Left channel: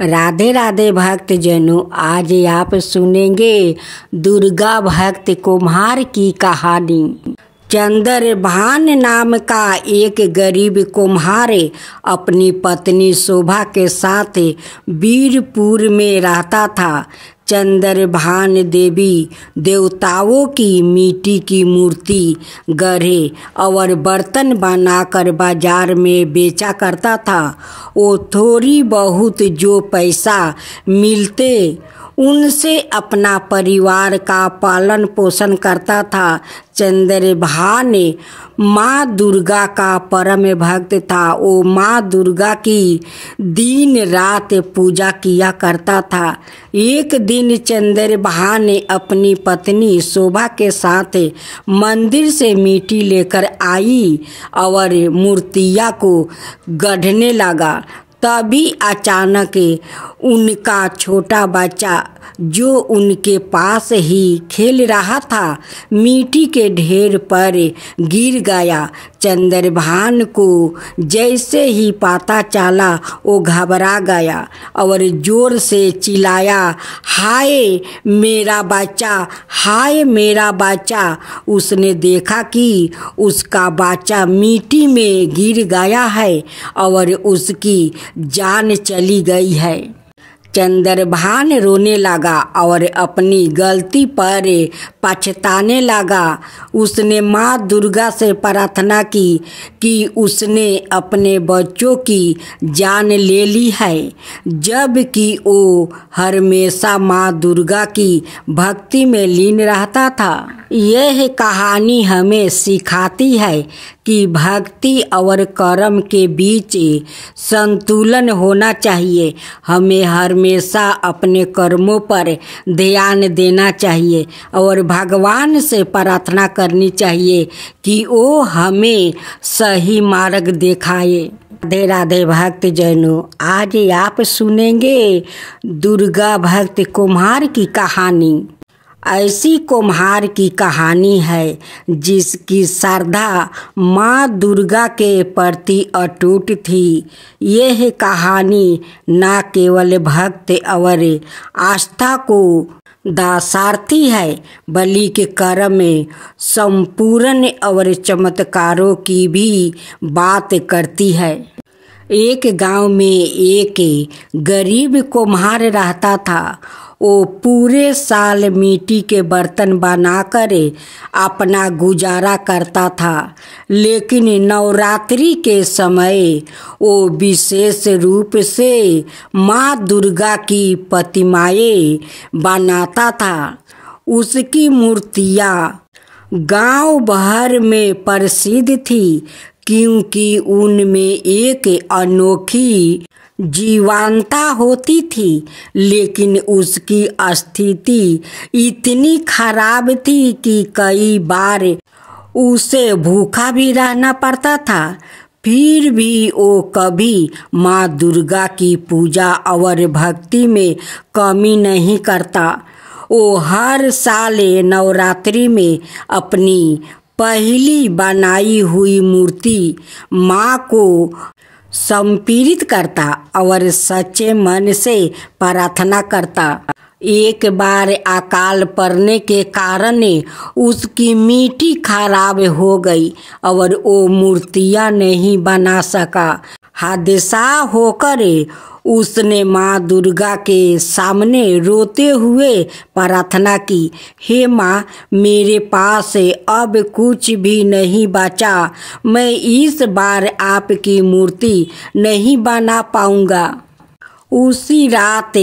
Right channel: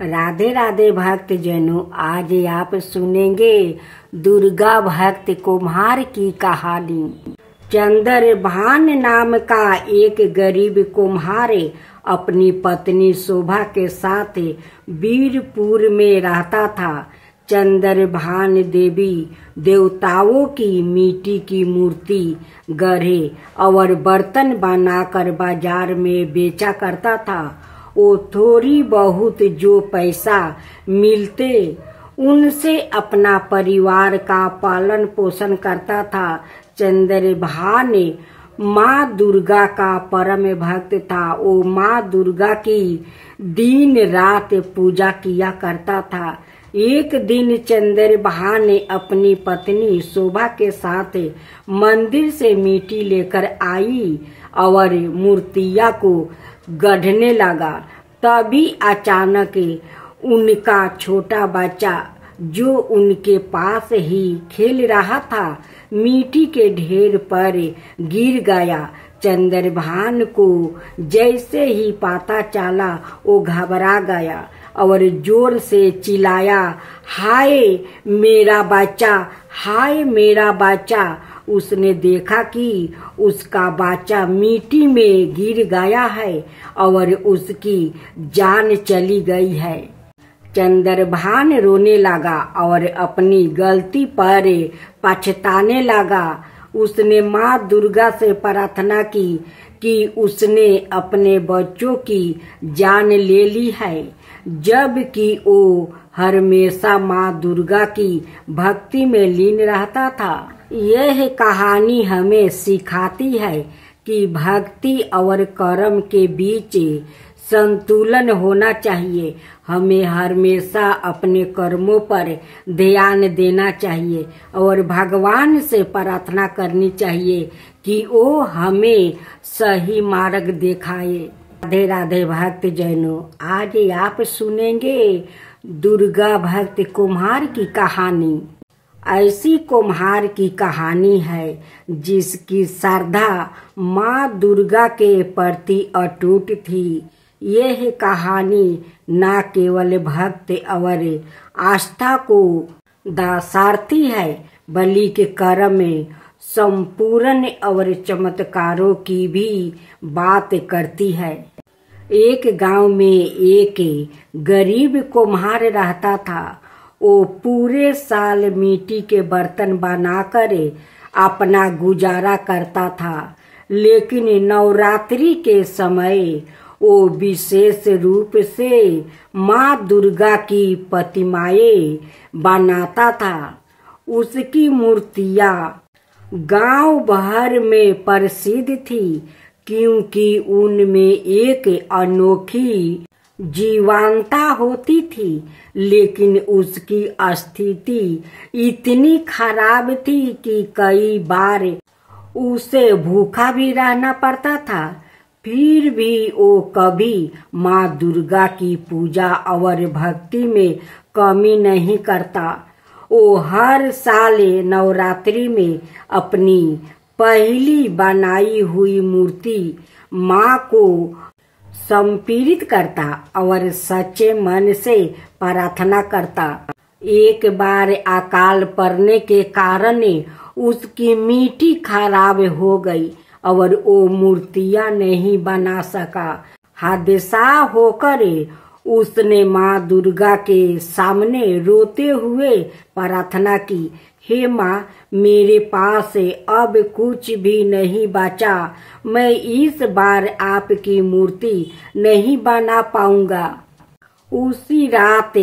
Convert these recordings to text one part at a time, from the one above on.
राधे राधे भक्त जनों, आज आप सुनेंगे दुर्गा भक्त कुम्हार की कहानी। चंद्रभान नाम का एक गरीब कुम्हार अपनी पत्नी शोभा के साथ वीरपुर में रहता था। चंद्रभान देवी देवताओं की मिट्टी की मूर्ति गढ़े और बर्तन बनाकर बाजार में बेचा करता था। वो थोड़ी बहुत जो पैसा मिलते उनसे अपना परिवार का पालन पोषण करता था। चंद्रभान माँ दुर्गा का परम भक्त था। वो माँ दुर्गा की दिन रात पूजा किया करता था। एक दिन चंद्रभान अपनी पत्नी शोभा के साथ मंदिर से मिट्टी लेकर आई और मूर्तियाँ को गढ़ने लगा। तभी अचानक उनका छोटा बच्चा जो उनके पास ही खेल रहा था मिट्टी के ढेर पर गिर गया। चंद्रभान को जैसे ही पता चला वो घबरा गया और जोर से चिल्लाया, हाय मेरा बच्चा, हाय मेरा बच्चा। उसने देखा कि उसका बच्चा मिट्टी में गिर गया है और उसकी जान चली गई है। चंद्रभान रोने लगा और अपनी गलती पर पछताने लगा। उसने माँ दुर्गा से प्रार्थना की कि उसने अपने बच्चों की जान ले ली है, जबकि वो हमेशा माँ दुर्गा की भक्ति में लीन रहता था। यह कहानी हमें सिखाती है कि भक्ति और कर्म के बीच संतुलन होना चाहिए। हमें हमेशा अपने कर्मों पर ध्यान देना चाहिए और भगवान से प्रार्थना करनी चाहिए कि वो हमें सही मार्ग दिखाए। राधे राधे भक्त जनों, आज आप सुनेंगे दुर्गा भक्त कुम्हार की कहानी। ऐसी कुम्हार की कहानी है जिसकी श्रद्धा माँ दुर्गा के प्रति अटूट थी। यह कहानी न केवल भक्त और आस्था को दर्शाती है बल्कि कर्म में संपूर्ण और चमत्कारों की भी बात करती है। एक गांव में एक गरीब कुम्हार रहता था। वो पूरे साल मिट्टी के बर्तन बनाकर अपना गुजारा करता था, लेकिन नवरात्रि के समय वो विशेष रूप से माँ दुर्गा की प्रतिमाएं बनाता था। उसकी मूर्तियाँ गांव भर में प्रसिद्ध थी क्योंकि उनमें एक अनोखी जीवंतता होती थी, लेकिन उसकी स्थिति इतनी खराब थी कि कई बार उसे भूखा भी रहना पड़ता था। फिर भी वो कभी माँ दुर्गा की पूजा और भक्ति में कमी नहीं करता। वो हर साल नवरात्रि में अपनी पहली बनाई हुई मूर्ति माँ को समर्पित करता और सच्चे मन से प्रार्थना करता। एक बार अकाल पड़ने के कारण उसकी मिट्टी खराब हो गई और वो मूर्तियाँ नहीं बना सका। हादसा होकर उसने माँ दुर्गा के सामने रोते हुए प्रार्थना की, हे माँ, मेरे पास अब कुछ भी नहीं बचा। मैं इस बार आपकी मूर्ति नहीं बना पाऊंगा। उसी रात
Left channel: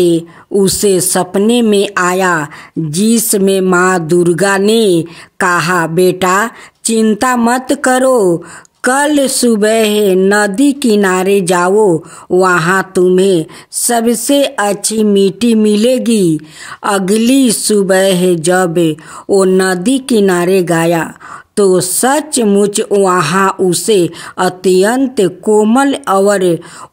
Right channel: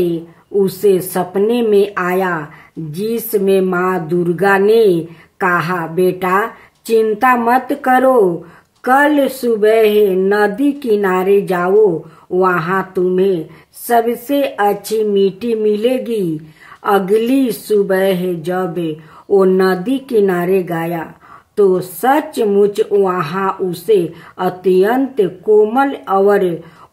उसे सपने में आया जिसमें माँ दुर्गा ने कहा, बेटा चिंता मत करो, कल सुबह नदी किनारे जाओ, वहाँ तुम्हें सबसे अच्छी मिट्टी मिलेगी। अगली सुबह जब वो नदी किनारे गया तो सचमुच वहाँ उसे अत्यंत कोमल और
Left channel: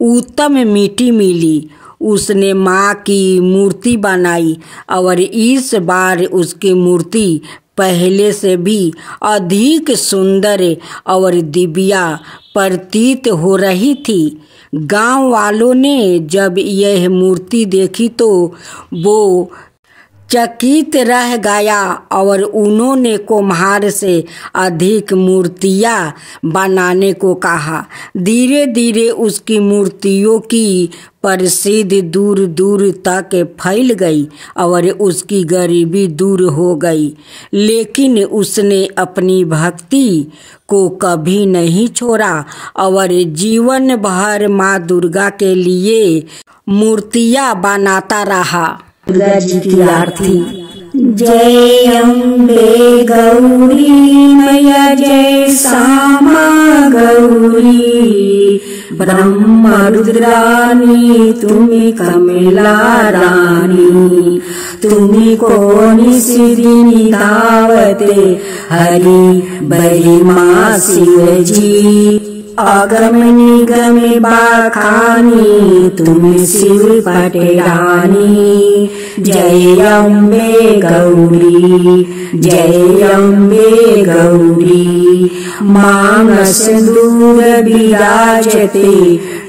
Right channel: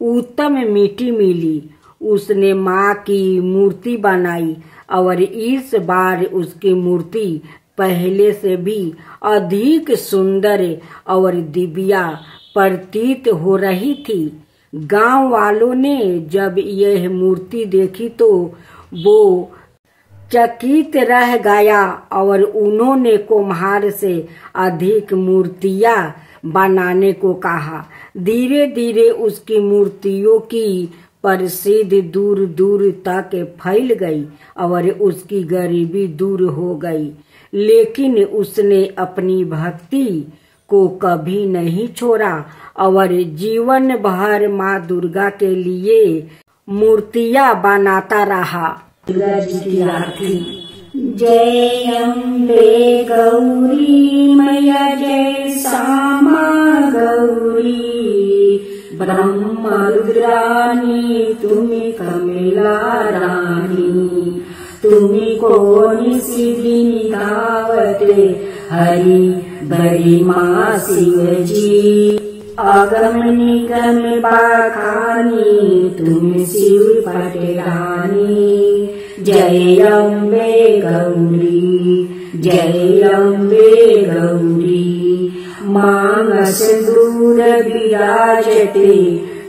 उत्तम मिट्टी मिली। उसने माँ की मूर्ति बनाई और इस बार उसकी मूर्ति पहले से भी अधिक सुंदर और दिव्या प्रतीत हो रही थी। गांव वालों ने जब यह मूर्ति देखी तो वो चकित रह गया और उन्होंने कुम्हार से अधिक मूर्तियां बनाने को कहा। धीरे धीरे उसकी मूर्तियों की प्रसिद्धि दूर दूर तक फैल गई और उसकी गरीबी दूर हो गई, लेकिन उसने अपनी भक्ति को कभी नहीं छोड़ा और जीवन भर माँ दुर्गा के लिए मूर्तियां बनाता रहा। दुर्गा जी की आरती। जय अम्बे गौरी मैया, जय श्यामा गौरी, ब्रह्मा रुद्रानी तुम्हें कमला रानी, तुम्हें कोनी सिद्धि धावते हरि बरी माँ शिव जी, आगम निगम बाखानी तुम्हें शिव पटेरानी। जय अम्बे गौरी, जय अम्बे गौरी, मानस दूर विराजते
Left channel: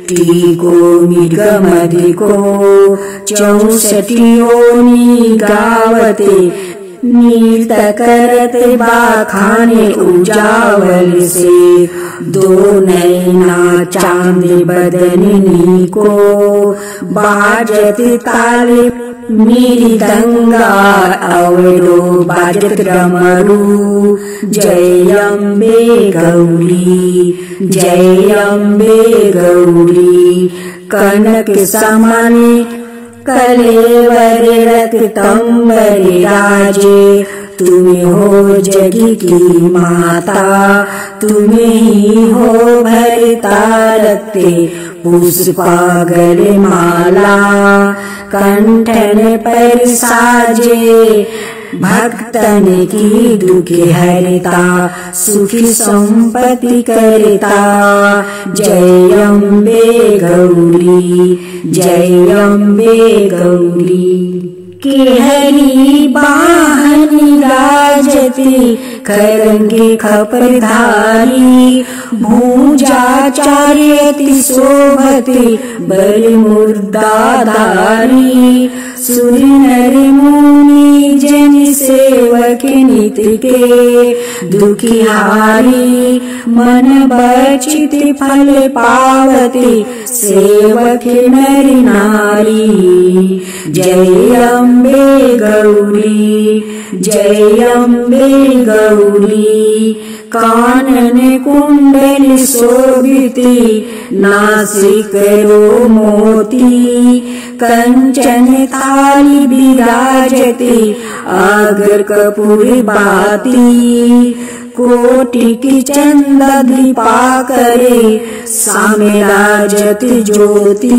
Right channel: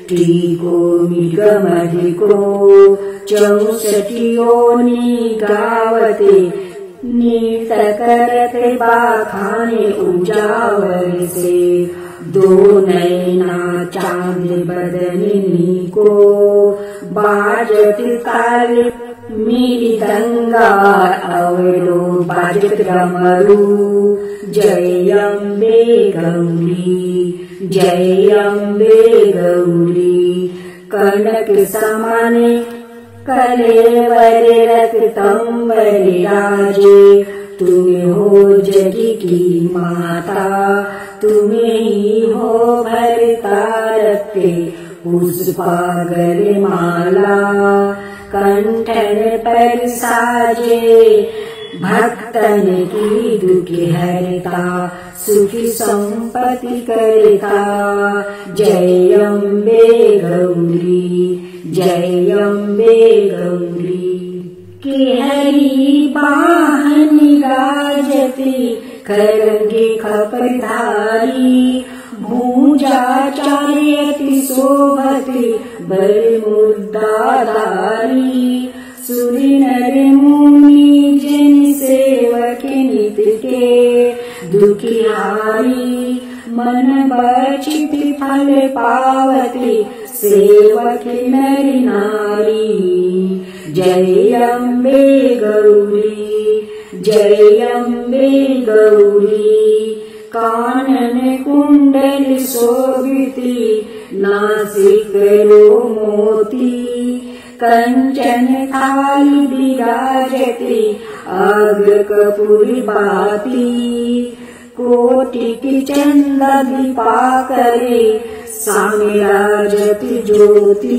टीको मृगमधिको, 64 योनि गावते नीत करते बाखाने उजावल से, दो नैना चांद बदनी को, बाजत ताले मृदंगा अवरो बाजत डमरू। जय अम्बे गौरी, जय अम्बे गौरी, कनक समाने कलेवर रक्तंबर राजे, तुम्हें हो जगी की माता, तुम्हें ही हो भरता रखते पुष्पागर माला, कंठन पर साजे भक्तन की दुख हरता, सुखी संपत्ति करता। जय अम्बे गौरी, जय अम्बे गौरी, के हरि वाहन राजती करंगे खपरधारी, भूजा चार्यति शोभती बल मुर्दाधारी, सूर्य नर मुनि जन सेवक नित के दुखिहारी, मन बचित फल पावती सेवक नर नारी। जय अम्बे गौरी, जय अम्बे गौरी, कानन कुंडल शोभिती नासिकरो मोती, कंचन थाली विराजती अगर कपूर बाती, कोटि की चंदा दीपाकरे सामे राजती ज्योति,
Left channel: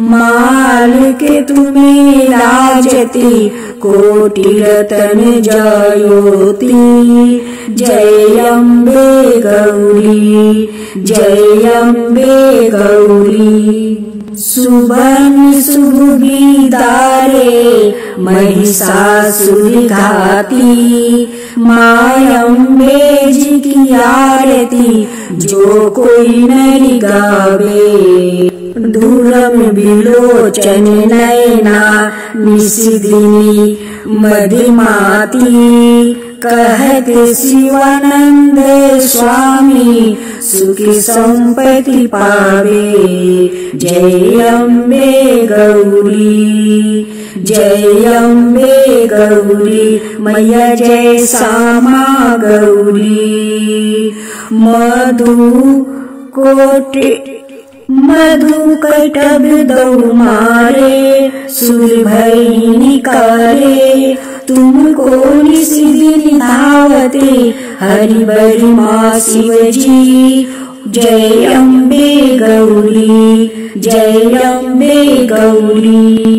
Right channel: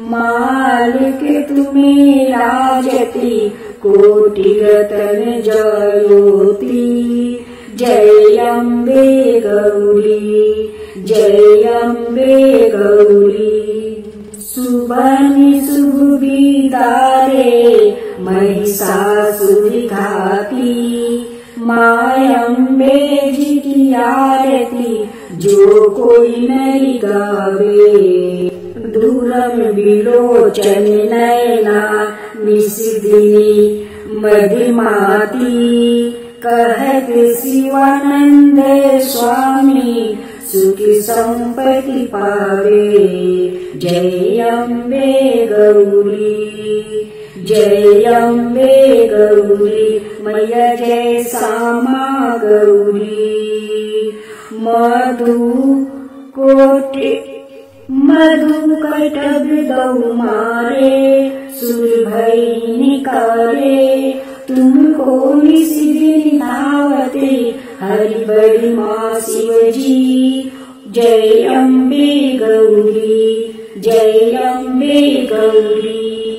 माल के तुम्हें राजती कोटि रतन ज्योति। जय अम्बे गौरी, जय अम्बे गौरी, सुबह सुविदारे महिषासुर घाती, माँ अम्बे जी की आरती जो कोई नहीं गावे, दूरम विलोचन नयना निशिदिनी मदिमाती, कहत शिवानंद स्वामी सुखी संपत्ति पावे। जय अम्बे गौरी, जय अम्बे गौरी, मैया जय श्यामा गौरी, मधु कटब दौ मारे, सुर भई निकारे, तुमको निशिदिनी धावते हरि बरी माँ शिव जी। जय अम्बे गौरी, जय अम्बे गौरी।